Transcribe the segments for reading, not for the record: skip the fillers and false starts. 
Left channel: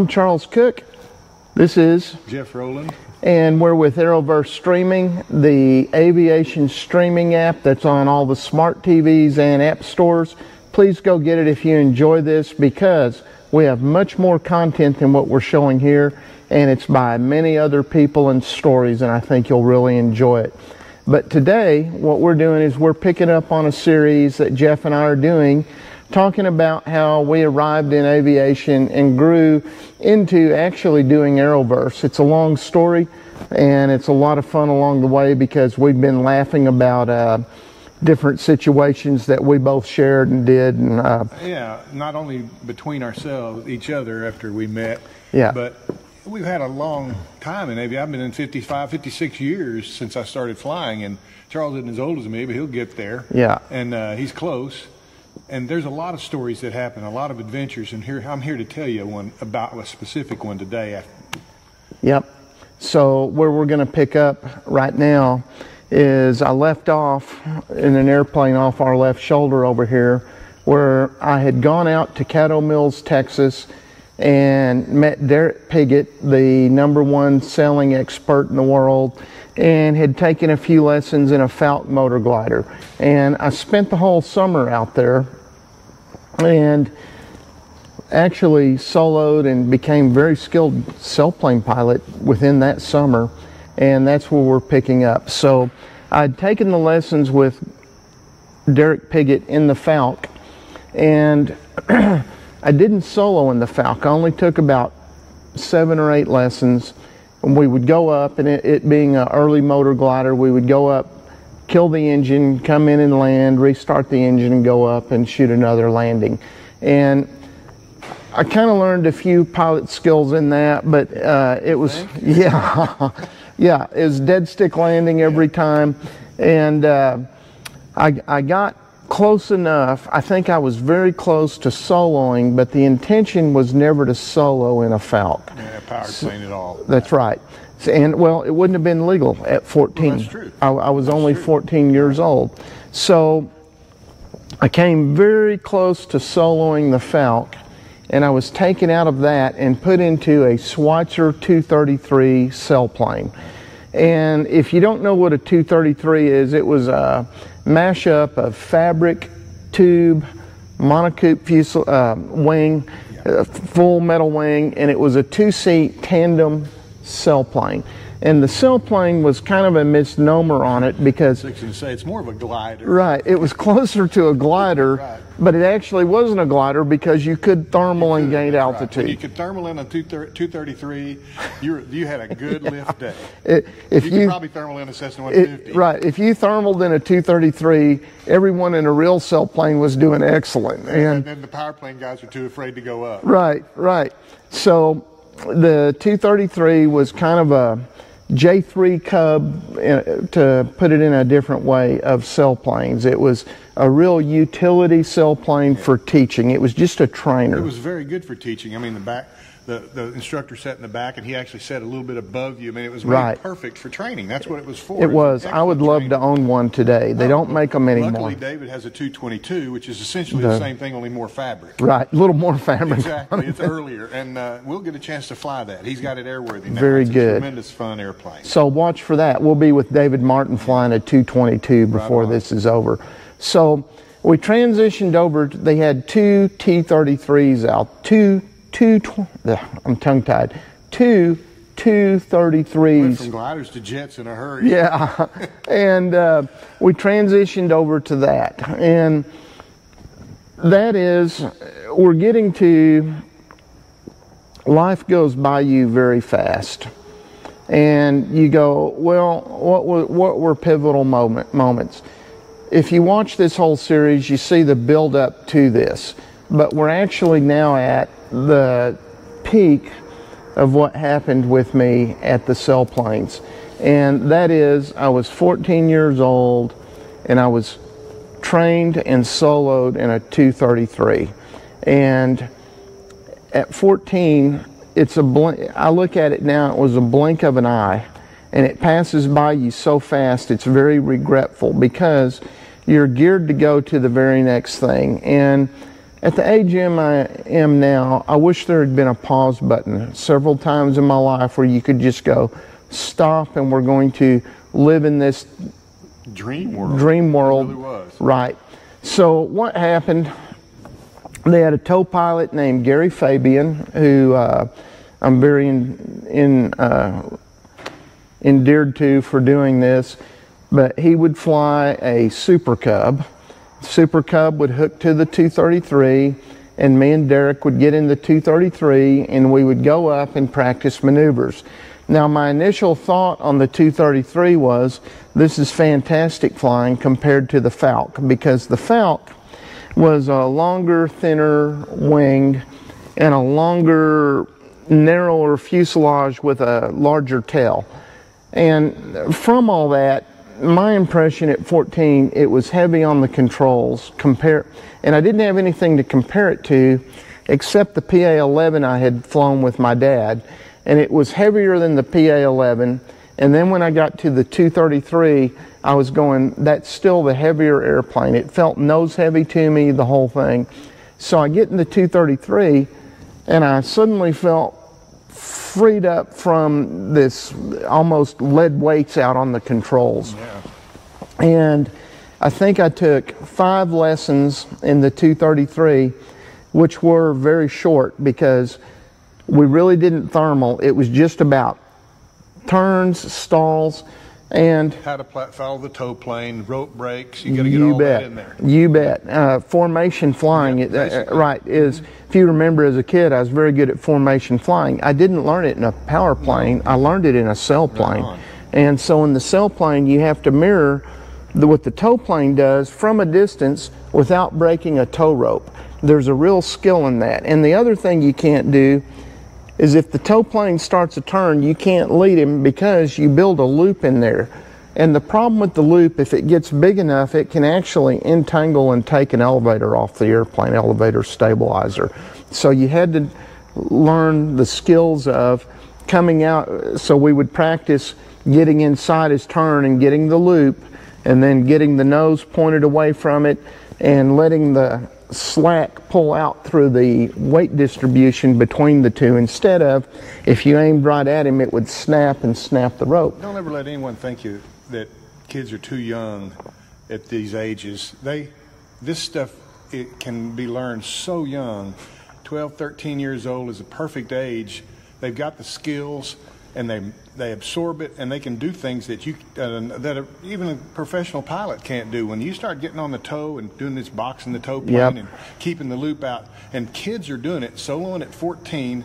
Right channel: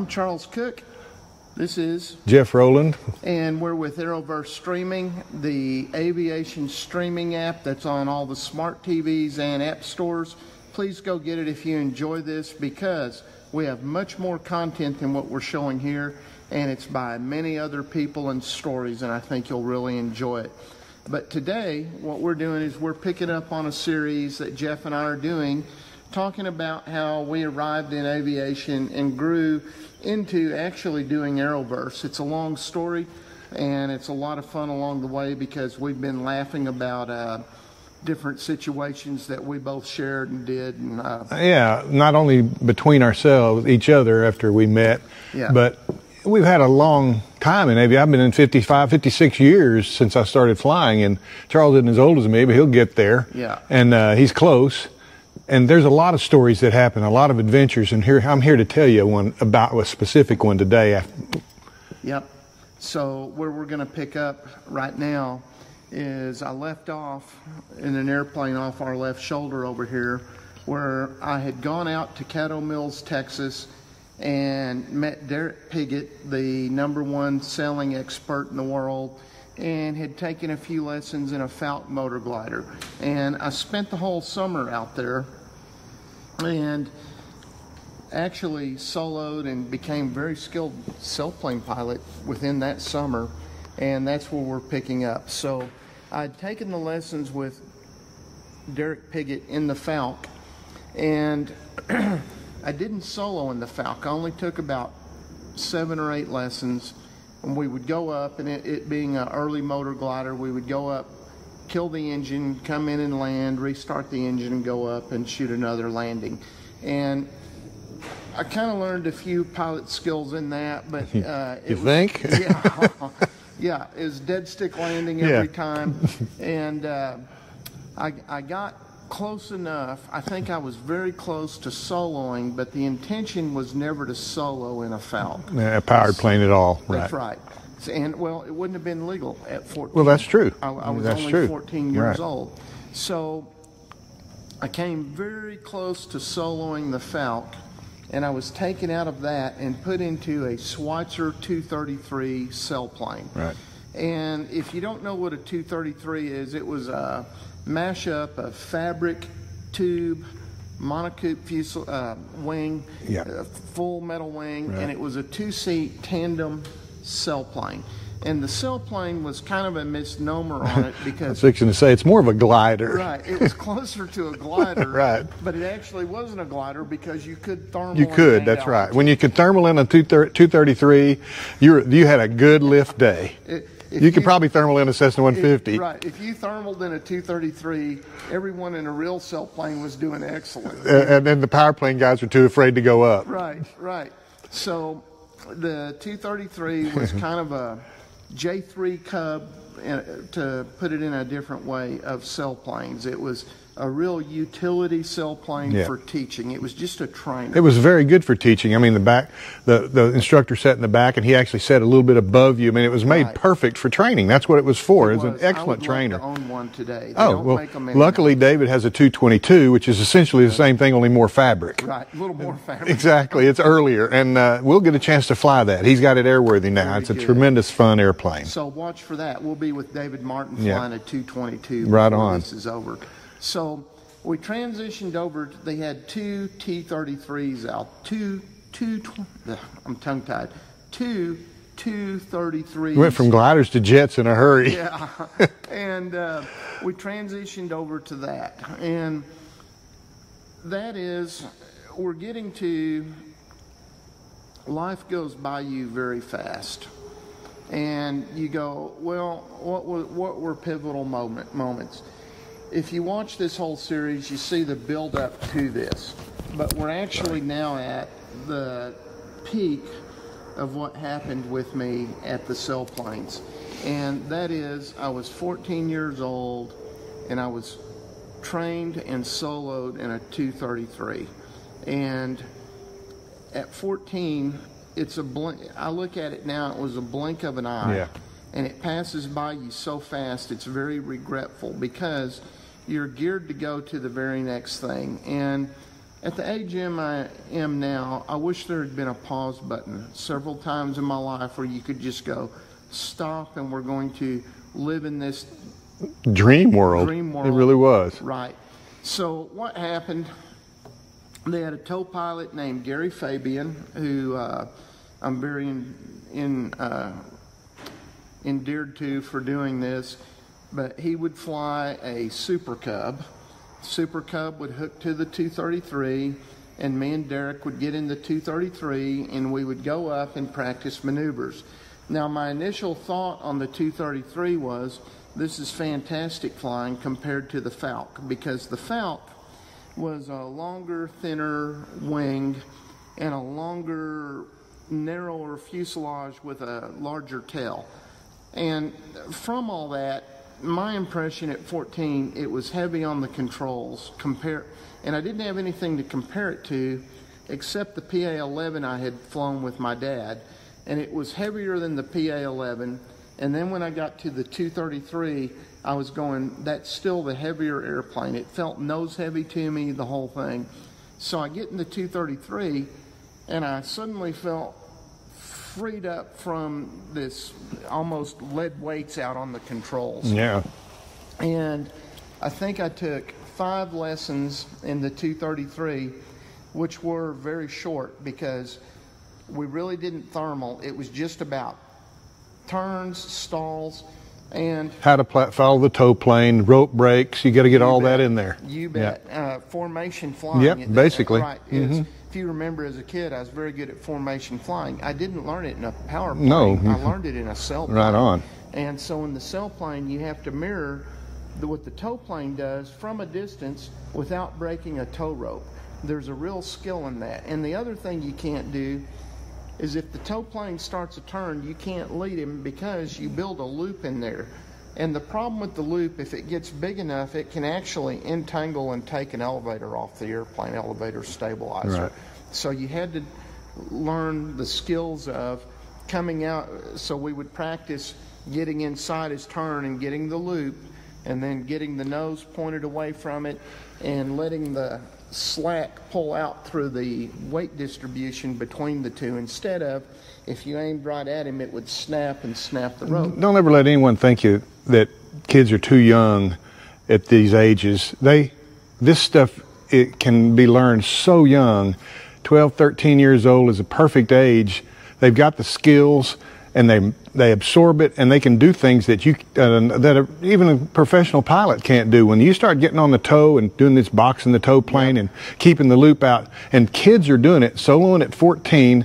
I'm Charles Cook. This is Jeff Rowland. And we're with Aeroverse Streaming, the aviation streaming app that's on all the smart TVs and app stores. Please go get it if you enjoy this, because we have much more content than what we're showing here, and it's by many other people and stories, and I think you'll really enjoy it. But today, what we're doing is we're picking up on a series that Jeff and I are doing, talking about how we arrived in aviation and grew into actually doing Aeroverse. It's a long story, and it's a lot of fun along the way, because we've been laughing about different situations that we both shared and did. And yeah, not only between ourselves, each other after we met, but we've had a long time in aviation. I've been in 55, 56 years since I started flying, and Charles isn't as old as me, but he'll get there. Yeah. And he's close. And there's a lot of stories that happen, a lot of adventures, and I'm here to tell you one about a specific one today. Yep. So where we're going to pick up right now is I left off in an airplane off our left shoulder over here, where I had gone out to Caddo Mills, Texas, and met Derek Piggott, the #1 sailing expert in the world, and had taken a few lessons in a Falcon motor glider. And I spent the whole summer out there and actually soloed and became very skilled sailplane pilot within that summer, and that's where we're picking up. So I'd taken the lessons with Derek Piggott in the Falcon, and I didn't solo in the Falcon. I only took about 7 or 8 lessons, and we would go up, and it being an early motor glider, we would go up, kill the engine, come in and land, restart the engine and go up and shoot another landing. And I kind of learned a few pilot skills in that, but it was, yeah, it was dead stick landing every time. And I got close enough. I think I was very close to soloing, but the intention was never to solo in a Falcon. Yeah, a powered plane at all. That's right. And well, it wouldn't have been legal at 14. Well, that's true. I was only 14 years old. So I came very close to soloing the Falcon, and I was taken out of that and put into a Schweizer 233 sailplane. Right. And if you don't know what a 233 is, it was a mashup of fabric, tube, monocoque wing, full metal wing, and it was a 2-seat tandem sailplane. And the sailplane was kind of a misnomer on it, because I was fixing to say it's more of a glider. Right, it was closer to a glider, right, but it actually wasn't a glider, because you could thermal and gain altitude. Right. When you could thermal in a 233, you had a good lift day. You could probably thermal in a Cessna 150. Right, if you thermaled in a 233, everyone in a real sailplane was doing excellent. And then the power plane guys were too afraid to go up. Right, right. So the 233 was kind of a J3 Cub, to put it in a different way, of sailplanes. It was a real utility sailplane for teaching. It was just a trainer. It was very good for teaching. I mean, the instructor sat in the back, and he actually sat a little bit above you. I mean, it was made perfect for training. That's what it was for. It was. I would love to own one today. They don't make them anymore. Luckily, David has a 222, which is essentially the same thing, only more fabric. Right, a little more fabric. Exactly. It's earlier, and we'll get a chance to fly that. He's got it airworthy now. It's a tremendous fun airplane. So watch for that. We'll be with David Martin flying a 222 before this is over. So we transitioned over. They had 2 T-33s out. I'm tongue-tied. 2 233s. Went from gliders to jets in a hurry. Yeah, and we transitioned over to that. And that is, we're getting to, life goes by you very fast. And you go, well, what were pivotal moments? If you watch this whole series, you see the build up to this. But we're actually now at the peak of what happened with me at the sailplanes. And that is, I was 14 years old, and I was trained and soloed in a 233. And at 14, it's a blink. I look at it now, it was a blink of an eye. And it passes by you so fast, it's very regretful, because you're geared to go to the very next thing. And At the age I am now, I wish there had been a pause button several times in my life where you could just go, stop, and we're going to live in this dream world. Dream world. It really was. Right. So what happened, they had a tow pilot named Gary Fabian, who I'm very endeared to for doing this, but he would fly a Super Cub. Super Cub would hook to the 233, and me and Derek would get in the 233 and we would go up and practice maneuvers. Now my initial thought on the 233 was, this is fantastic flying compared to the Falk, because the Falk was a longer, thinner wing and a longer, narrower fuselage with a larger tail. And from all that, my impression at 14, it was heavy on the controls, and I didn't have anything to compare it to except the PA-11 I had flown with my dad, and it was heavier than the PA-11. And then when I got to the 233, I was going, that's still the heavier airplane. It felt nose heavy to me, the whole thing. So I get in the 233, and I suddenly felt freed up from this almost lead weights out on the controls. Yeah. And I think I took 5 lessons in the 233, which were very short because we really didn't thermal. It was just about turns, stalls, and how to follow the tow plane, rope brakes. You got to get all that in there. You bet. Yeah. Formation flying, basically. Right, is, if you remember as a kid, I was very good at formation flying. I didn't learn it in a power plane. I learned it in a sail plane. Right on. And so in the sail plane, you have to mirror what the tow plane does from a distance without breaking a tow rope. There's a real skill in that. And the other thing you can't do is if the tow plane starts a turn, you can't lead him because you build a loop in there. And the problem with the loop, if it gets big enough, it can actually entangle and take an elevator off the airplane, elevator stabilizer. Right. So you had to learn the skills of coming out. So we would practice getting inside his turn and getting the loop, and then getting the nose pointed away from it and letting the slack pull out through the weight distribution between the two, instead of, if you aimed right at him, it would snap and snap the rope. Don't ever let anyone think that kids are too young at these ages. This stuff, it can be learned so young. 12, 13 years old is a perfect age. They've got the skills, and they absorb it, and they can do things that even a professional pilot can't do. When you start getting on the tow and doing this boxing the tow plane and keeping the loop out, and kids are doing it, soloing at 14,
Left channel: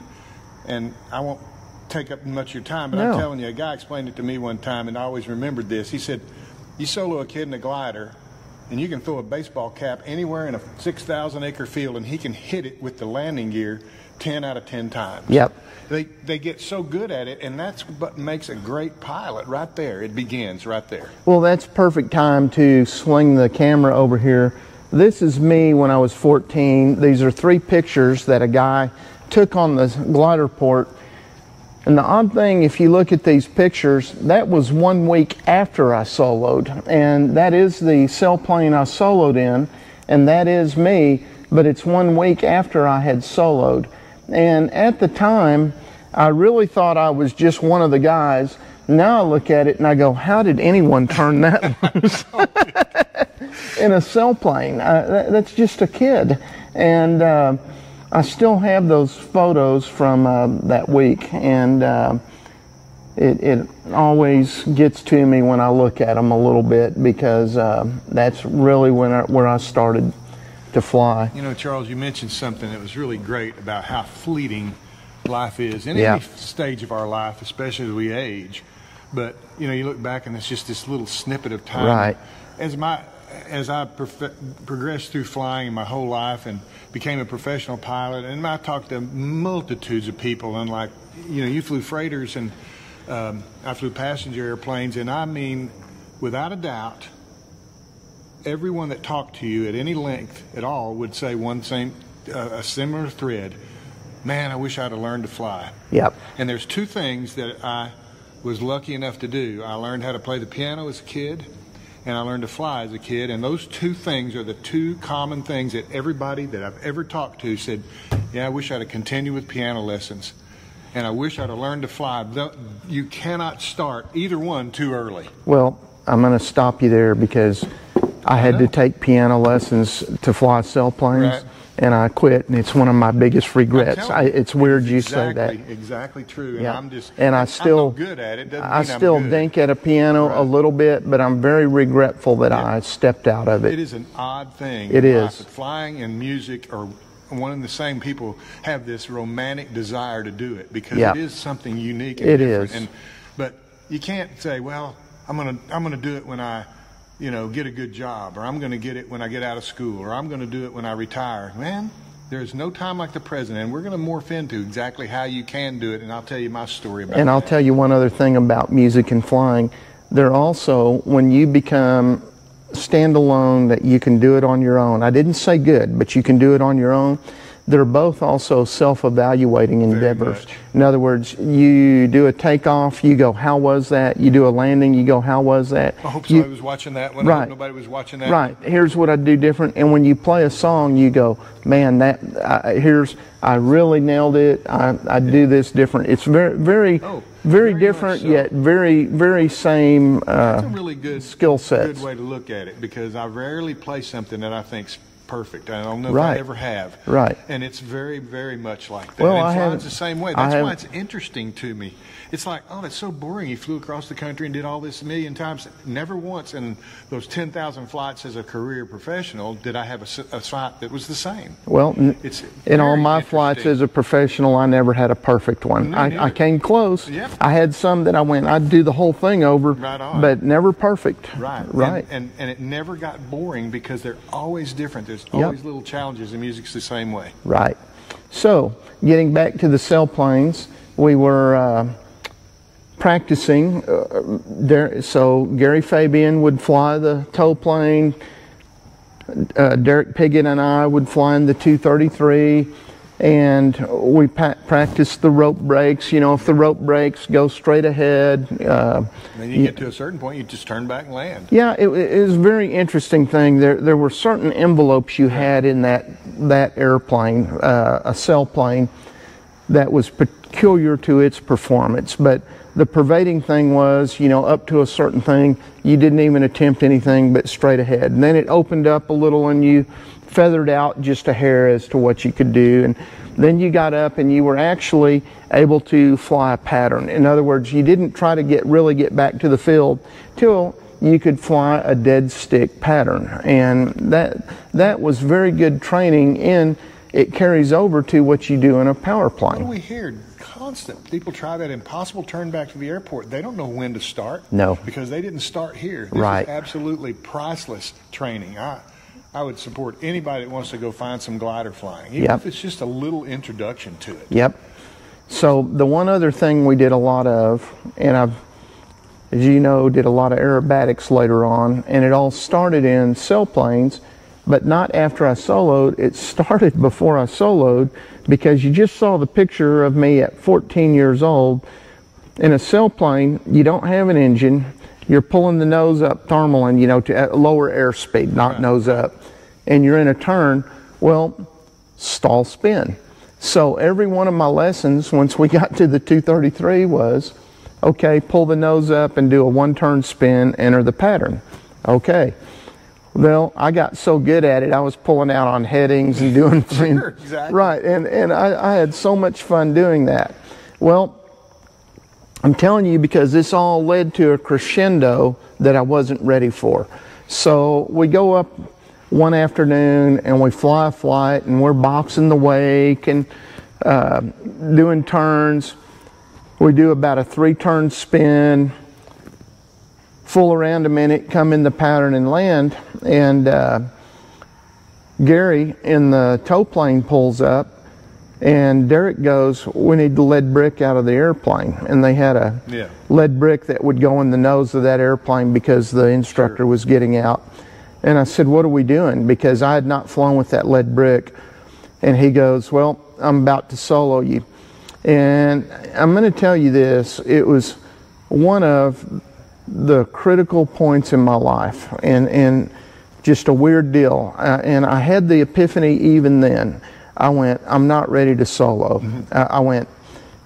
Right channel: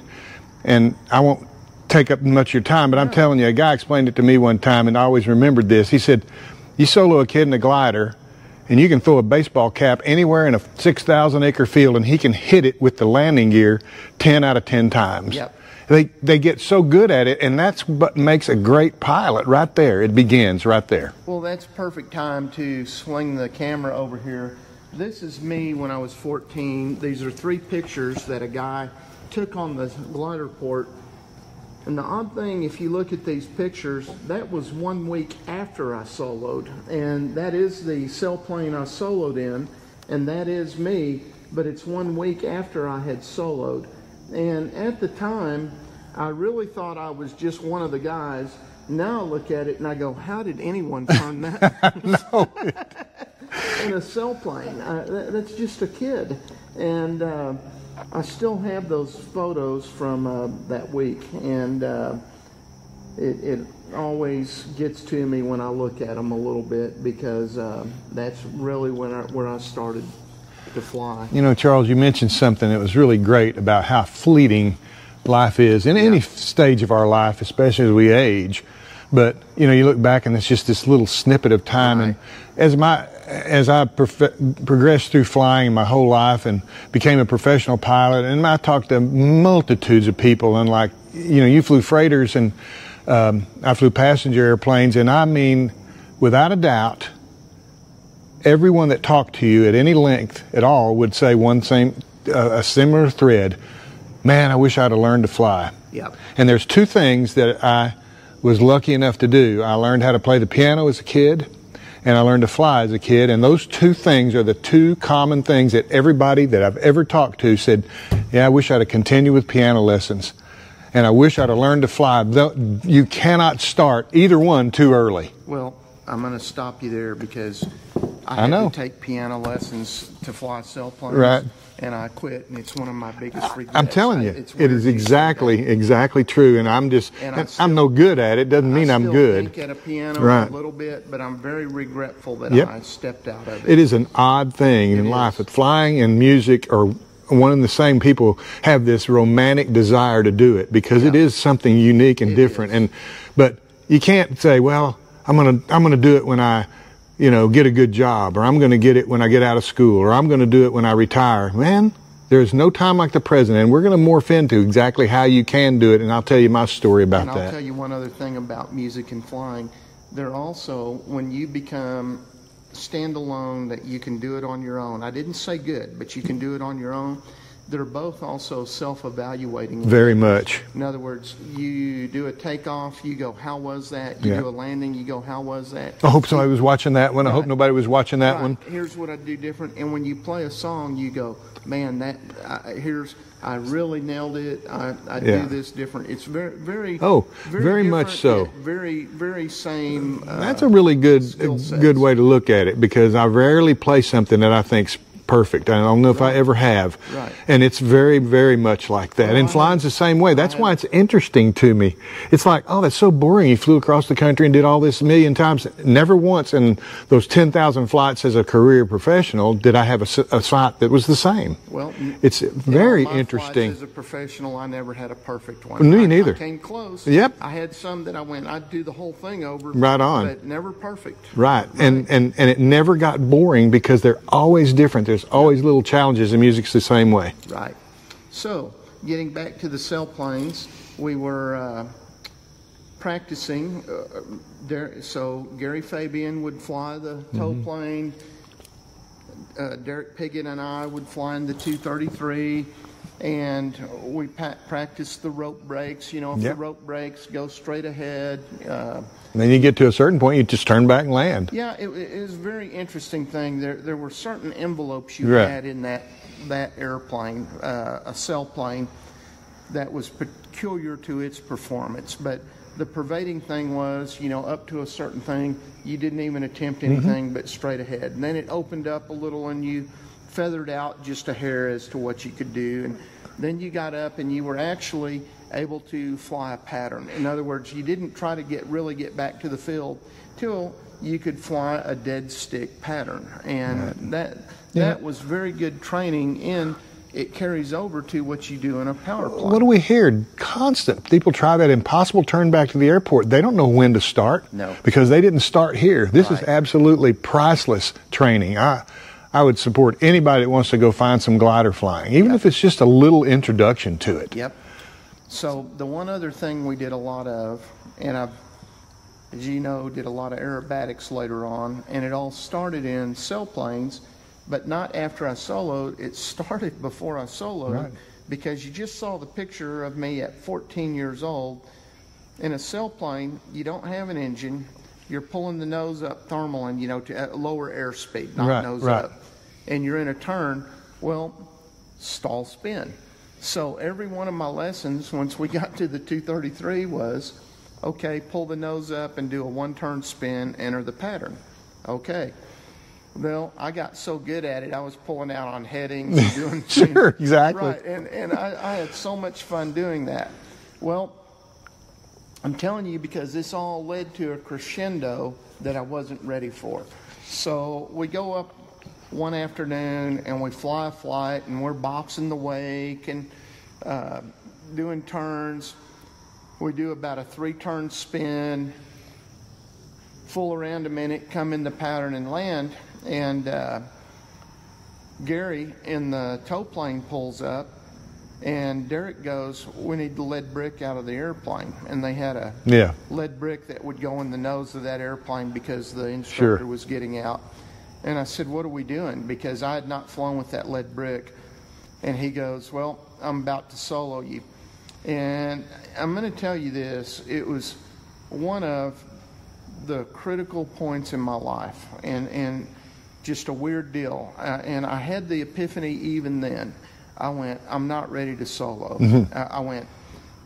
and I won't take up much of your time, but I'm telling you, a guy explained it to me one time, and I always remembered this. He said, you solo a kid in a glider, and you can throw a baseball cap anywhere in a 6,000 acre field, and he can hit it with the landing gear 10 out of 10 times. Yep. They get so good at it, and that's what makes a great pilot right there. It begins right there. Well, that's perfect time to swing the camera over here. This is me when I was 14. These are 3 pictures that a guy took on the glider port. And the odd thing, if you look at these pictures, that was 1 week after I soloed. And that is the sail plane I soloed in, and that is me, but it's 1 week after I had soloed. And at the time, I really thought I was just one of the guys. Now I look at it and I go, how did anyone turn that loose in a sail plane? That's just a kid. And I still have those photos from that week, and it always gets to me when I look at them a little bit, because that's really where I started to fly. You know, Charles, you mentioned something that was really great about how fleeting life is in any stage of our life, especially as we age. But you know, you look back and it's just this little snippet of time. Right. As I progressed through flying my whole life and became a professional pilot, and I talked to multitudes of people, and like, you know, you flew freighters, and I flew passenger airplanes, and I mean, without a doubt, everyone that talked to you at any length at all would say a similar thread. Man, I wish I'd have learned to fly. Yep. And there's 2 things that I was lucky enough to do. I learned how to play the piano as a kid, and I learned to fly as a kid. And those two things are the two common things that everybody that I've ever talked to said, yeah, I wish I'd have continued with piano lessons. And I wish I'd have learned to fly. You cannot start either one too early. Well, I'm going to stop you there because I had to take piano lessons to fly sailplanes. Right. And I quit, and it's one of my biggest regrets. I'm telling you, it's weird. It is exactly true, and I'm no good at it. Doesn't mean I'm good. I still think at a piano a little bit, but I'm very regretful that I stepped out of it. It is an odd thing in life. But flying and music are one and the same. People have this romantic desire to do it because it is something unique and different. But you can't say, well, I'm gonna do it when I get a good job, or I'm going to get it when I get out of school, or I'm going to do it when I retire. Man, there's no time like the present, and we're going to morph into exactly how you can do it, and I'll tell you my story about that. And I'll tell you one other thing about music and flying. There also, when you become standalone, that you can do it on your own. I didn't say good, but you can do it on your own. They're both also self-evaluating endeavors. Very much. In other words, you do a takeoff, you go, how was that? You do a landing, you go, how was that? I hope somebody was watching that one. I hope nobody was watching that one. Here's what I do different. And when you play a song, you go, man, I really nailed it. I do this different. It's very different, so. Yet very same. That's a really good skill set. Good way to look at it, because I rarely play something that I think's perfect. I don't know if I ever have. Right. And it's very, very much like that. Well, and flying's the same way. That's why it's interesting to me. It's like, oh, that's so boring. You flew across the country and did all this a million times. Never once in those 10,000 flights as a career professional did I have a flight that was the same. Well, it's in all my flights as a professional, I never had a perfect one. I came close. Yep. I had some that I'd do the whole thing over. Right on. But never perfect. Right. And it never got boring because they're always different. There's always little challenges, and music's the same way. Right. So, getting back to the sailplanes, we were practicing. So Gary Fabian would fly the tow plane. Derek Piggott and I would fly in the 233, and we practiced the rope breaks. If the rope breaks, go straight ahead. Then you get to a certain point, you just turn back and land. Yeah, it was a very interesting thing. There were certain envelopes you had in that airplane, a sailplane, that was peculiar to its performance. But the pervading thing was, up to a certain thing, you didn't even attempt anything but straight ahead. And then it opened up a little, and you feathered out just a hair as to what you could do. And then you got up and you were actually able to fly a pattern. In other words, you didn't try to really get back to the field till you could fly a dead stick pattern. And that was very good training, and it carries over to what you do in a power plane. What do we hear? Constant. People try that impossible turn back to the airport. They don't know when to start. No. Because they didn't start here. This is absolutely priceless training. I would support anybody that wants to go find some glider flying, even if it's just a little introduction to it. Yep. So the one other thing we did a lot of, and I've, as you know, did a lot of aerobatics later on, and it all started in sailplanes, but not after I soloed. It started before I soloed, because you just saw the picture of me at 14 years old. In a sailplane, you don't have an engine. You're pulling the nose up thermaling, to lower airspeed, not nose up. And you're in a turn, well, stall spin. So every one of my lessons, once we got to the 233, was, okay, pull the nose up and do a one-turn spin, enter the pattern. Okay. Well, I got so good at it, I was pulling out on headings and doing Sure, exactly. Right, and I had so much fun doing that. Well, I'm telling you, because this all led to a crescendo that I wasn't ready for. So we go up one afternoon and we fly a flight, and we're boxing the wake and doing turns. We do about a 3-turn spin, full around a minute, come in the pattern and land, and Gary in the tow plane pulls up, and Derek goes, we need the lead brick out of the airplane. And they had a lead brick that would go in the nose of that airplane because the instructor was getting out. And I said, what are we doing? Because I had not flown with that lead brick. And he goes, well, I'm about to solo you. And I'm going to tell you this, it was one of the critical points in my life, and just a weird deal. And I had the epiphany even then. I went, I'm not ready to solo. I went,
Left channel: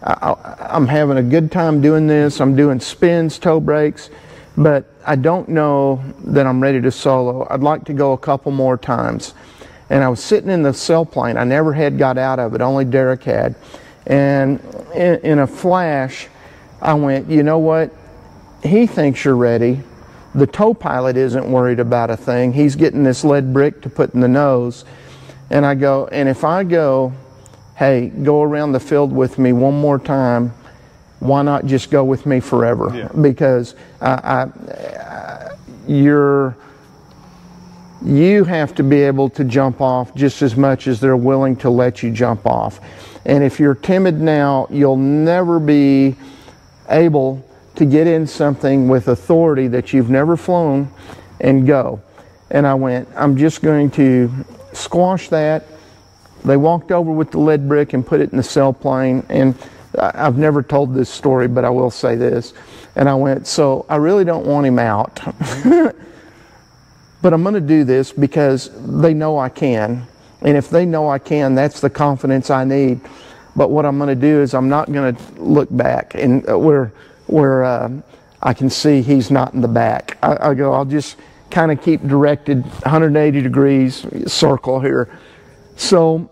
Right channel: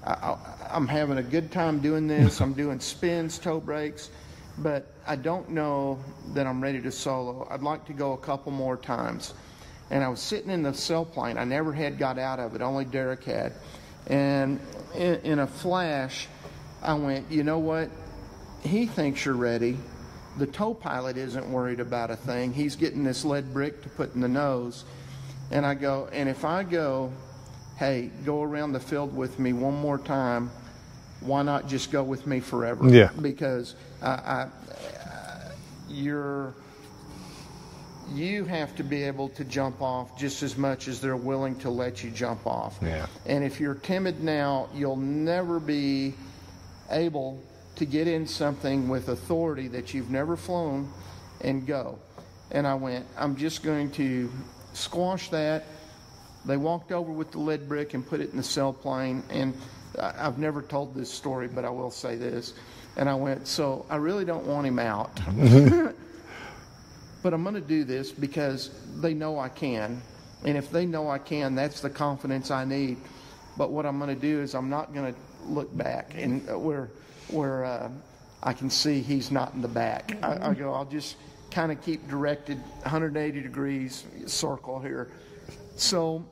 I'm having a good time doing this. I'm doing spins, toe breaks, but I don't know that I'm ready to solo. I'd like to go a couple more times. And I was sitting in the sailplane. I never had got out of it, only Derek had. And in a flash, I went, you know what? He thinks you're ready. The tow pilot isn't worried about a thing. He's getting this lead brick to put in the nose. And I go, and if I go, hey, go around the field with me one more time, why not just go with me forever? Yeah. Because you have to be able to jump off just as much as they're willing to let you jump off. Yeah. And if you're timid now, you'll never be able to get in something with authority that you've never flown and go. And I went, I'm just going to squash that. They walked over with the lead brick and put it in the sailplane. And I've never told this story, but I will say this. And I went, so I really don't want him out. But I'm going to do this because they know I can. And if they know I can, that's the confidence I need. But what I'm going to do is I'm not going to look back and where I can see he's not in the back. I go, I'll just kind of keep directed 180 degrees circle here. So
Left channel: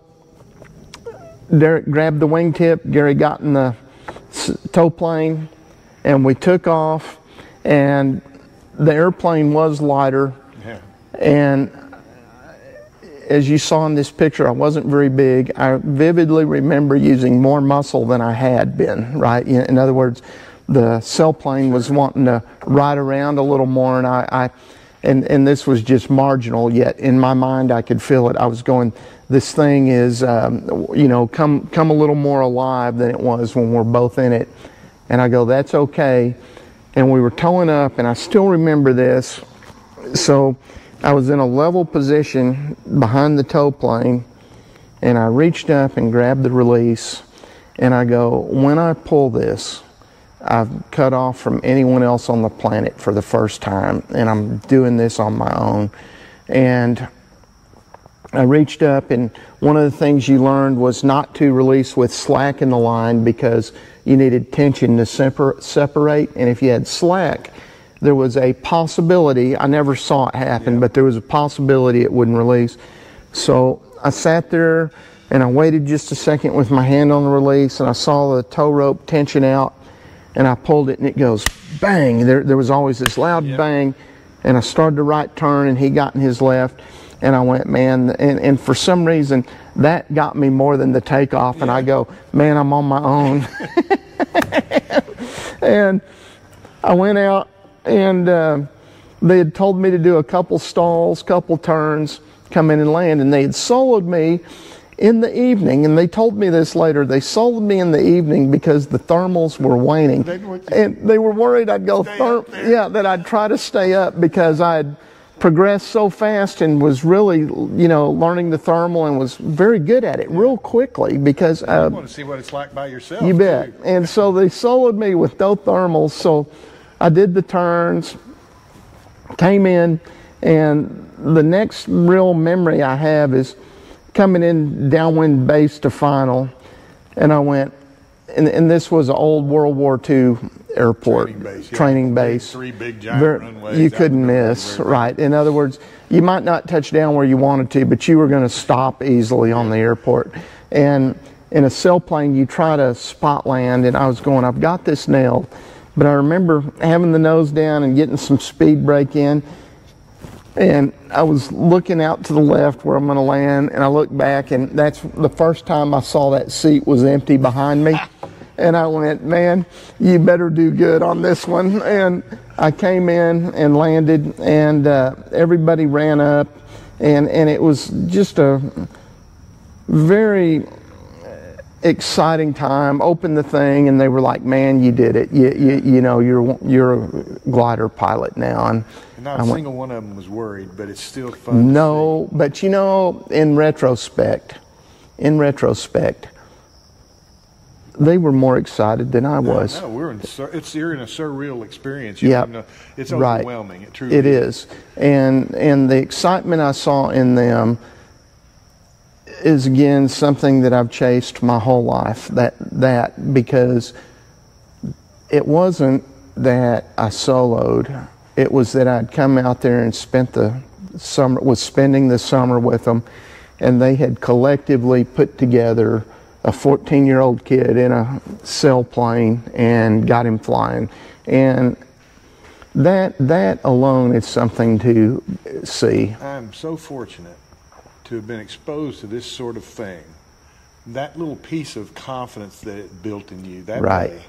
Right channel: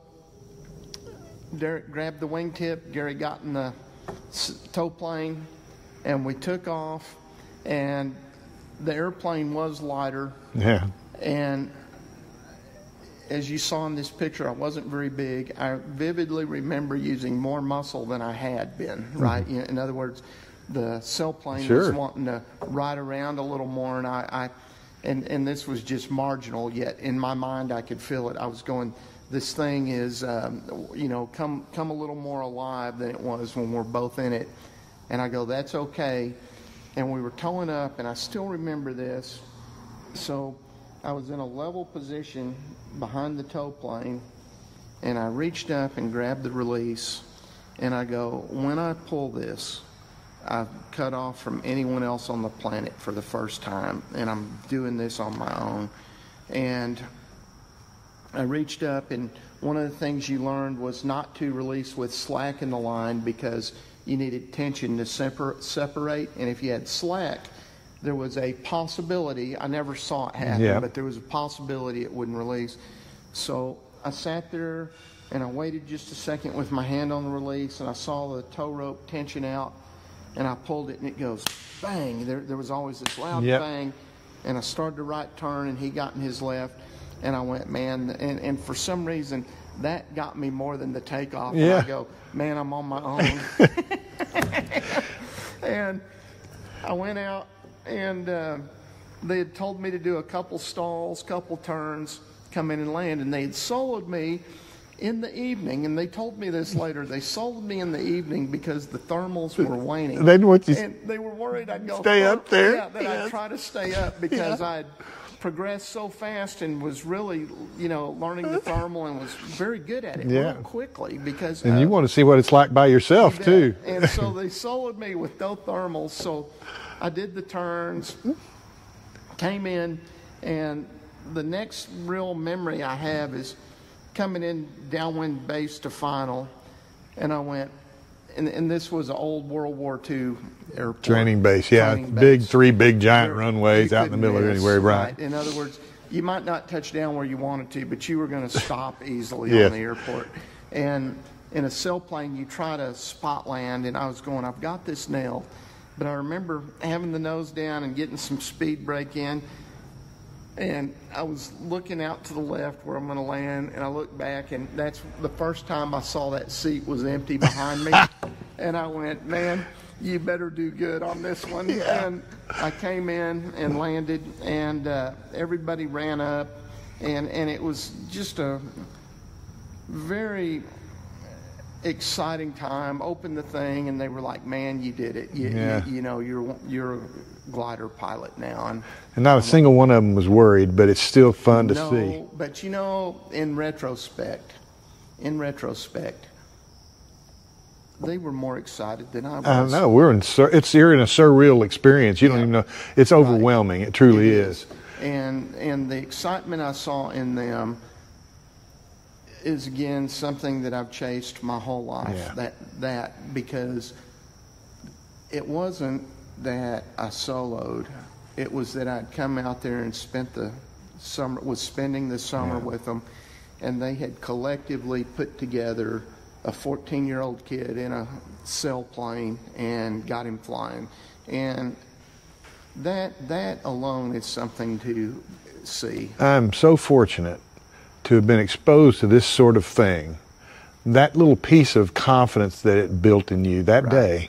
Derek grabbed the wingtip, Gary got in the tow plane, and we took off, and the airplane was lighter. Yeah. And as you saw in this picture, I wasn't very big. I vividly remember using more muscle than I had been, right? In other words, the sailplane was wanting to ride around a little more, and this was just marginal, yet in my mind I could feel it. I was going, this thing is, come a little more alive than it was when we're both in it. And I go, that's okay. And we were towing up, and I still remember this. So I was in a level position behind the tow plane, and I reached up and grabbed the release, and I go, when I pull this, I've cut off from anyone else on the planet for the first time, and I'm doing this on my own. And I reached up, and one of the things you learned was not to release with slack in the line because you needed tension to separate. And if you had slack, there was a possibility, I never saw it happen, but there was a possibility it wouldn't release. So I sat there and I waited just a second with my hand on the release, and I saw the tow rope tension out, and I pulled it, and it goes bang. There was always this loud bang, and I started the right turn, and he got in his left, and I went, man, and for some reason that got me more than the takeoff, and I go, man, I'm on my own. And I went out, and they had told me to do a couple stalls, couple turns, come in and land, and they had soloed me in the evening, and they told me this later. They sold me in the evening because the thermals were waning. And they were worried I'd go up there. Yeah, that I'd try to stay up because I'd progressed so fast and was really, learning the thermal and was very good at it real quickly because and you want to see what it's like by yourself too. And so they soloed me with no thermals. So I did the turns, came in, and the next real memory I have is coming in downwind base to final, and I went, and this was an old World War II airport. Training base, yeah. Training base. Three big giant runways. You couldn't miss, right. In other words, you might not touch down where you wanted to, but you were going to stop easily on the airport. And in a sailplane, you try to spot land, and I was going, I've got this nailed. But I remember having the nose down and getting some speed brake in, and I was looking out to the left where I'm going to land, and I looked back, and that's the first time I saw that seat was empty behind me. And I went, man, you better do good on this one. And I came in and landed, and everybody ran up, and it was just a very exciting time. Opened the thing, and they were like, man, you did it. You're a glider pilot now. And not a single one of them was worried, but it's still fun to see. No, but in retrospect, they were more excited than I was. No, you're in a surreal experience. You don't even know. It's overwhelming. Right. It truly is. And the excitement I saw in them is, again, something that I've chased my whole life. That because it wasn't that I soloed. It was that I'd come out there and spending the summer with them, and they had collectively put together a 14-year-old kid in a sailplane and got him flying. And that alone is something to see. I'm so fortunate to have been exposed to this sort of thing. That little piece of confidence that it built in you that day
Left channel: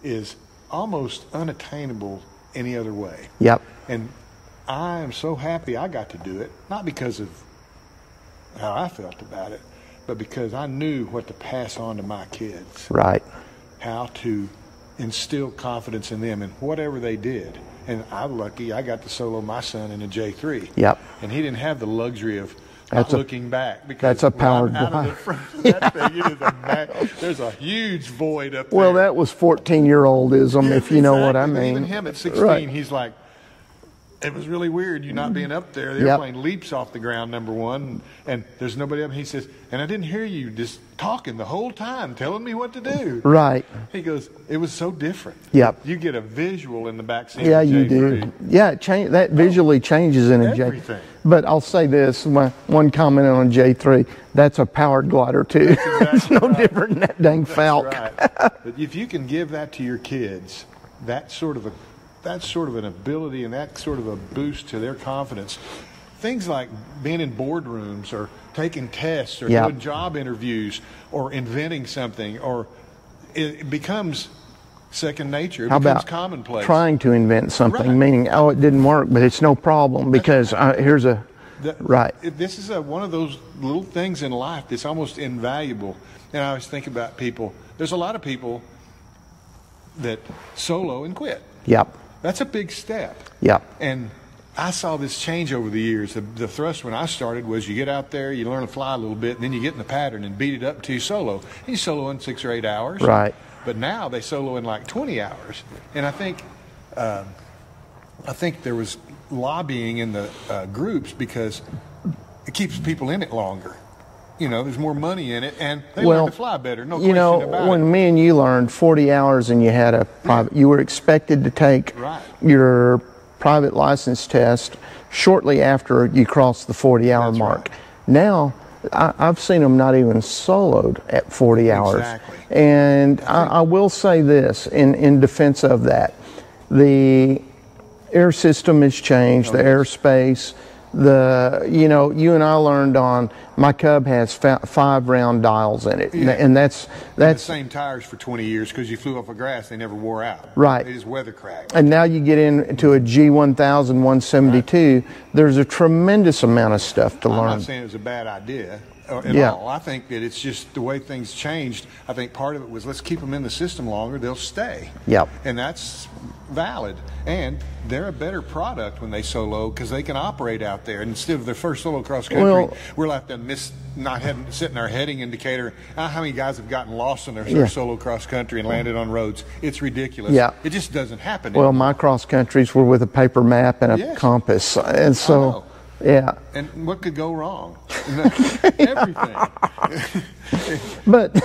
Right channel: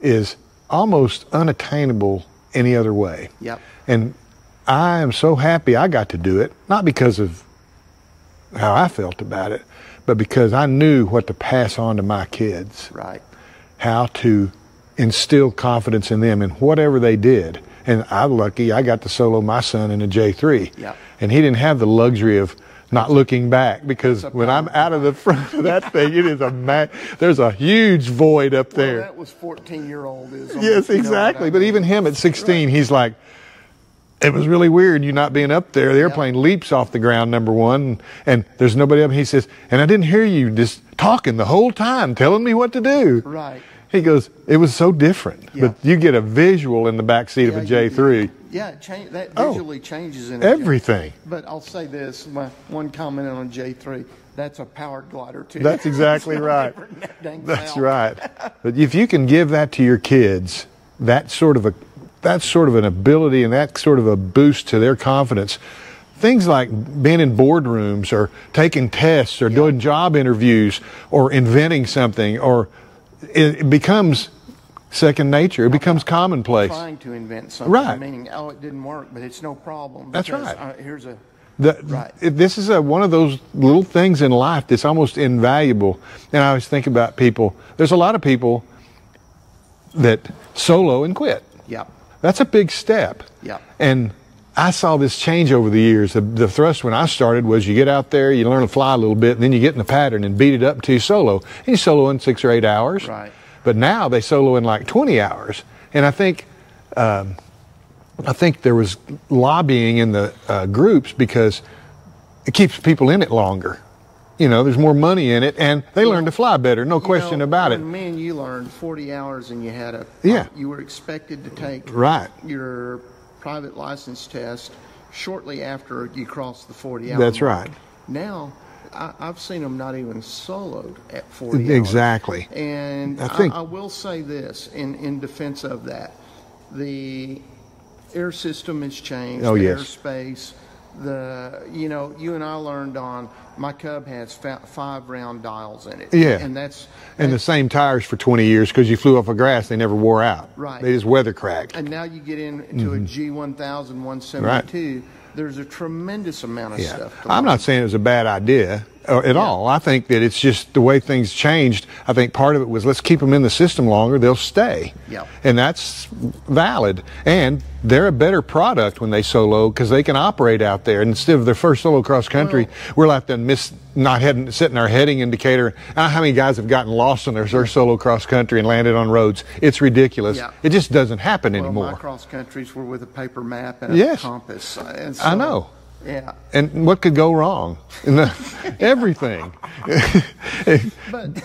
is almost unattainable any other way. Yep. And I am so happy I got to do it, not because of how I felt about it, but because I knew what to pass on to my kids. Right. How to instill confidence in them in whatever they did. And I'm lucky I got to solo my son in a J3. Yep. And he didn't have the luxury of not looking back, because when I'm out of the front of that thing, it is there's a huge void up there. Well, that was 14-year-oldism, yes, if you know what I mean. But even him at 16, he's like, it was really weird you not being up there. The airplane leaps off the ground, number one, and there's nobody up. He says, and I didn't hear you just talking the whole time, telling me what to do. Right. He goes, it was so different. Yeah. You get a visual in the backseat of a J3. Yeah, that visually changes in a everything. But I'll say this, one comment on a J3, that's a powered glider too. That's exactly it's no right. different than that dang Falcon. That's right. But if you can give that to your kids, that's sort of an ability and that sort of a boost to their confidence. Things like being in boardrooms or taking tests or doing job interviews or inventing something, or it becomes second nature. It becomes commonplace. Trying to invent something, meaning, oh, it didn't work, but it's no problem because here's a... This is one of those little things in life that's almost invaluable. And I always think about people. There's a lot of people that solo and quit. Yep. That's a big step. Yep. And I saw this change over the years. The thrust when I started was you get out there, you learn to fly a little bit, and then you get in the pattern and beat it up until you solo. And you solo in 6 or 8 hours. Right. But now they solo in like 20 hours. And I think there was lobbying in the groups because it keeps people in it longer. You know, there's more money in it, and they learn to fly better, no question about it. When me and you learned 40 hours and you had a private, you were expected to take your private license test shortly after you crossed the 40-hour mark. That's right. Now, I've seen them not even soloed at 40 hours. Exactly. And I will say this in defense of that. The air system has changed, airspace. You and I learned on, my Cub has 5 round dials in it. Yeah. And that's the same tires for 20 years because you flew off of grass, they never wore out. Right. They just weather cracked. And now you get into a G1000 172, there's a tremendous amount of stuff to learn. I'm not saying it was a bad idea at all. I think that it's just the way things changed. I think part of it was let's keep them in the system longer, they'll stay. Yep. And that's valid. And they're a better product when they solo because they can operate out there. Instead of their first solo cross country, we're like setting our heading indicator. I don't know how many guys have gotten lost on their first solo cross country and landed on roads. It's ridiculous. Yeah. It just doesn't happen anymore. Well, my cross countries were with a paper map and a compass. And so, I know. Yeah. And what could go wrong? Everything. But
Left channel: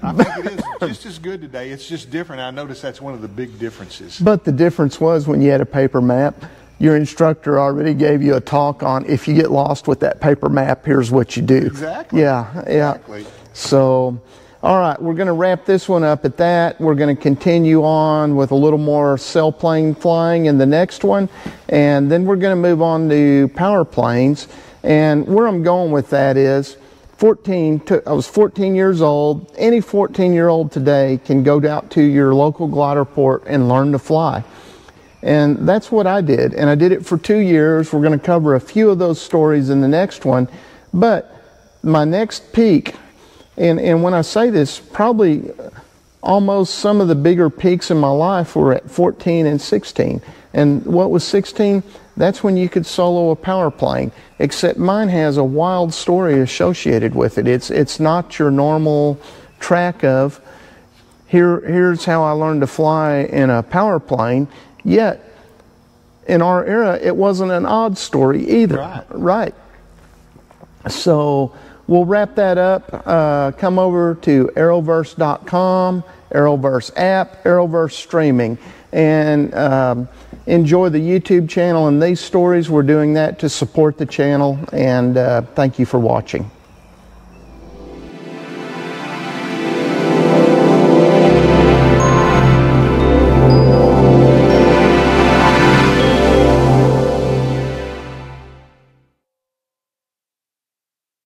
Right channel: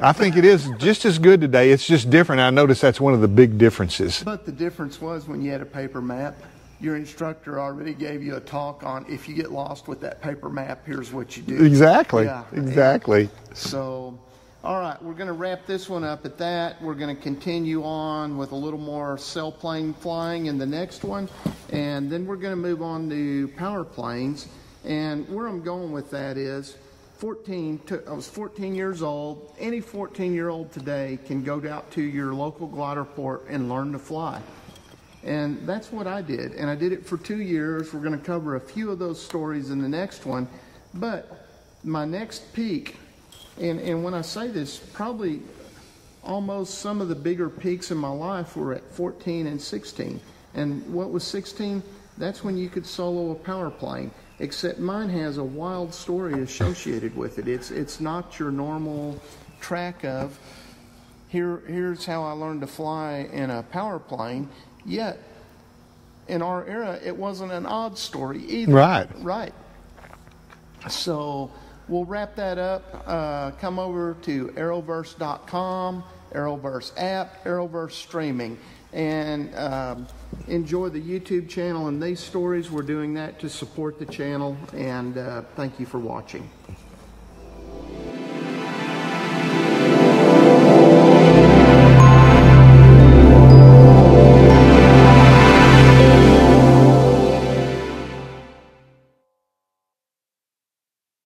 I think it is just as good today. It's just different. I noticed that's one of the big differences. But the difference was when you had a paper map, your instructor already gave you a talk on if you get lost with that paper map, here's what you do. Exactly. Yeah. Exactly. Yeah. So, all right, we're going to wrap this one up at that. We're going to continue on with a little more sailplane flying in the next one, and then we're going to move on to power planes. And where I'm going with that is, I was 14 years old. Any 14-year-old today can go out to your local glider port and learn to fly. And that's what I did, and I did it for 2 years. We're going to cover a few of those stories in the next one, but my next peak, and when I say this, probably almost some of the bigger peaks in my life were at 14 and 16. And what was 16? That's when you could solo a power plane, except mine has a wild story associated with it. It's not your normal track of. Here's how I learned to fly in a power plane. Yet, in our era, it wasn't an odd story either. Right. Right. So we'll wrap that up. Come over to Arrowverse.com, Arrowverse app, Arrowverse streaming, and enjoy the YouTube channel and these stories. We're doing that to support the channel, and thank you for watching.